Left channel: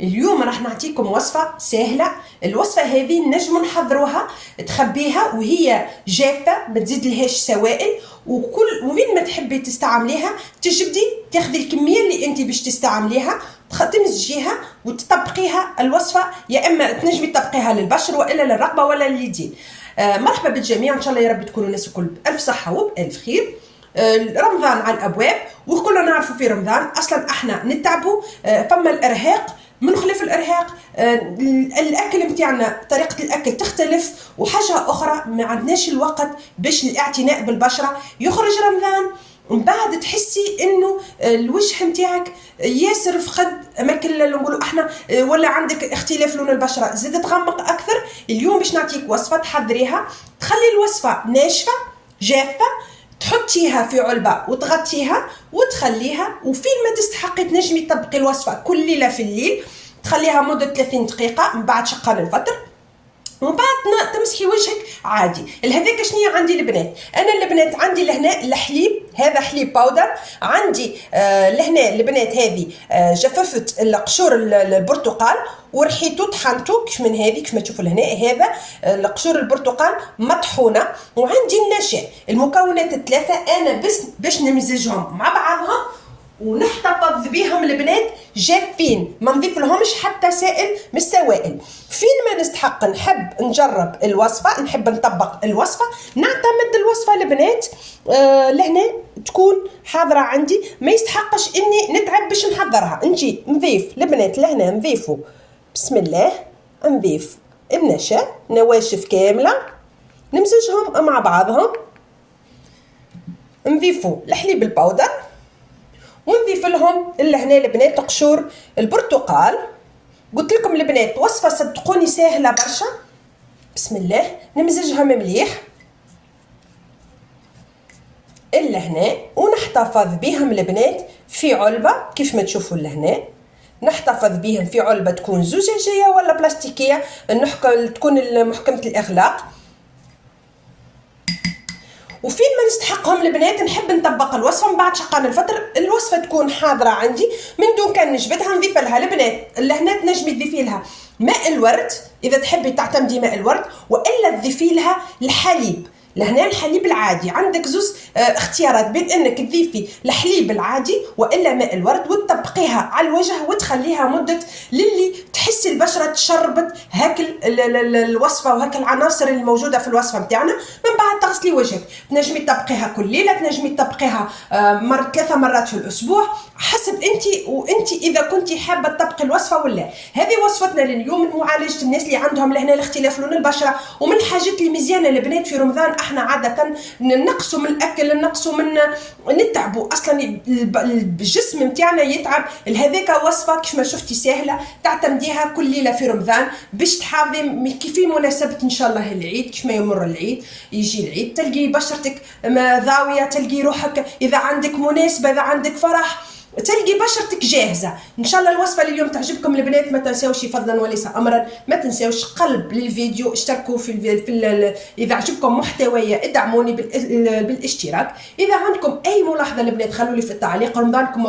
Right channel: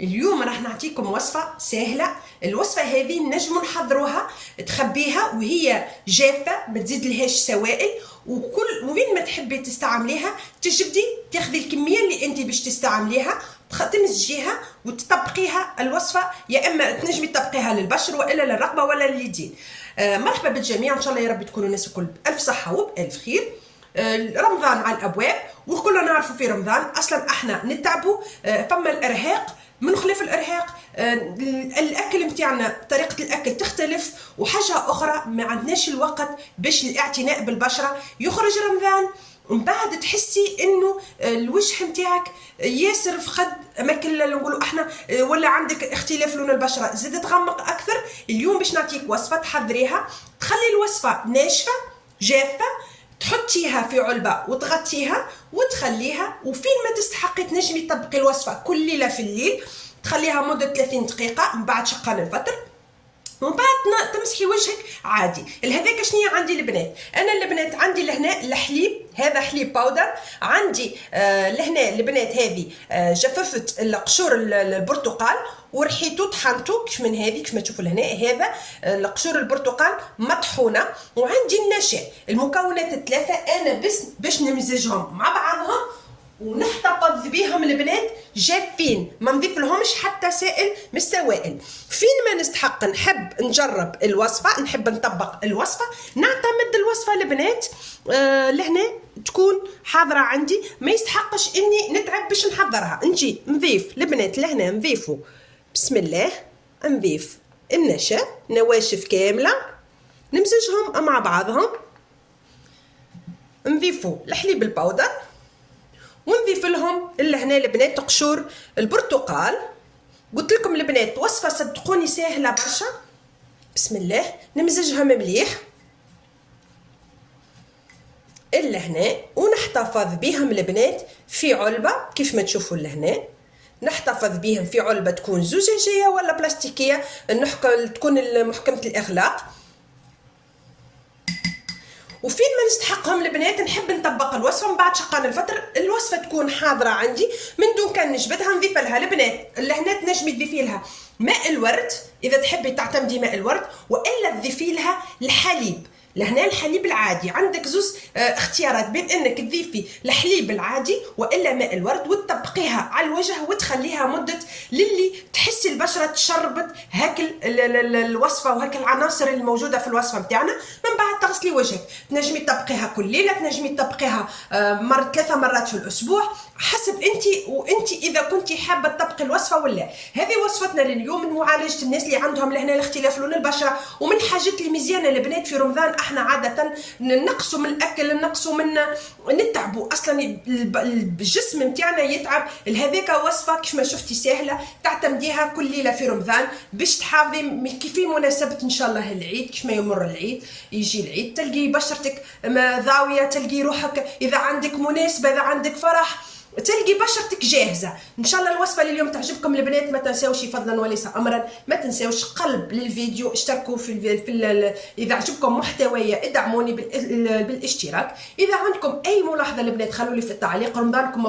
اليوم راح نعطيكم وصفة سهلة. الوصفة هذه نجم نحضروها تخبيها وهي جافة، ما تزيد لهاش سوائل، وين ما تحبي تستعمليها تجبدي تاخذي الكمية اللي انت باش تستعمليها تمزجيها وتطبقيها. الوصفة يا اما تنجمي تطبقيها للبشر والا للرقبة ولا لليدين. مرحبا بالجميع، ان شاء الله يا رب تكونوا الناس الكل بألف صحة وبألف خير. رمضان على الابواب وكلنا نعرفوا في رمضان اصلا احنا نتعبوا، فما الارهاق. من خلف الارهاق الاكل نتاعنا، طريقه الاكل تختلف، وحاجه اخرى ما عندناش الوقت باش الاعتناء بالبشره. يخرج رمضان من بعد تحسي انه الوجه نتاعك ياسر فقد اماكن نقولوا احنا، ولا عندك اختلاف لون البشره زاد تغمق اكثر. اليوم باش نعطيك وصفه تحضريها تخلي الوصفه ناشفه جافه، تحطيها في علبة وتغطيها وتخليها، وفين ما تستحقي تنجمي تطبقي الوصفة كل ليلة في الليل. تخليها مدة 30 دقيقة من بعد شقان الفطر، ومن بعد تمسحي وجهك عادي. لهذاك شنيا عندي البنات؟ انا البنات عندي لهنا الحليب، هذا حليب باودر. عندي لهنا البنات هذه جففت قشور البرتقال ورحيته طحنته كيف من هذه، كيف ما تشوفوا لهنا هذا قشور البرتقال مطحونه. وعندي النشا. المكونات الثلاثه انا بس باش نمزجهم مع بعضهم ونحتفظ بيهم البنات جافين، ما نضيف لهمش حتى سائل من السوائل. فين ما نستحق نحب نجرب الوصفه، نحب نطبق الوصفه، نعتمد الوصفه البنات لهنا تكون حاضره عندي، ما يستحقش اني نتعب باش نحضرها. نجي نضيف البنات لهنا، نضيفوا بسم الله، نضيف النشا نواشف كامله نمزجهم مع بعضهم، نضيفوا الحليب الباودر، ونضيف لهم لهنا البنات قشور البرتقال. قلت لكم البنات وصفه صدقوني سهله برشا. بسم الله، نمزجهم مليح لهنا ونحتفظ بهم البنات في علبه كيف ما تشوفوا لهنا. نحتفظ بهم في علبه تكون زجاجيه ولا بلاستيكيه، تكون محكمه الاغلاق. وفين ما نستحقهم البنات نحب نطبق الوصفه من بعد شقان الفطر. الوصفه تكون حاضره عندي من دون كان نجبدها نضيف لها البنات لهنا تنجمي تضيفي لها ماء الورد اذا تحبي تعتمدي ماء الورد، والا تضيفي لها الحليب. لهنا الحليب العادي عندك زوز اختيارات بين انك تضيفي الحليب العادي والا ماء الورد، وتطبقيها على الوجه وتخليها مده للي تحسي البشره تشربت هاك الوصفه وهاك العناصر الموجوده في الوصفه نتاعنا. من بعد تغسلي وجهك، تنجمي تطبقيها كل ليله، تنجمي تطبقيها 3 مرات في الاسبوع حسب انت اذا كنتي حابه تطبقي الوصفه ولا. هذه وصفتنا لليوم من معالجه الناس اللي عندهم لهنا الاختلاف لون البشره. ومن الحاجات اللي مزيانه البنات في رمضان احنا عاده نقصوا من الاكل، نقصوا من نتعبوا، اصلا الجسم نتاعنا يتعب. لهذاك وصفه كيف ما شفتي سهله تعتمديها كل ليله في رمضان باش تحافظي كيف مناسبه ان شاء الله العيد. كيف ما يمر العيد يجي العيد تلقي بشرتك ضاويه، تلقي روحك اذا عندك مناسبه، اذا عندك فرح تلقي بشرتك جاهزه. ان شاء الله الوصفه اليوم تعجبكم البنات. ما تنساوش فضلا وليس امرا، ما تنساوش قلب للفيديو، اشتركوا اذا عجبكم محتوايا ادعموني بالاشتراك. اذا عندكم اي ملاحظه البنات خلوا لي في التعليق. رمضانكم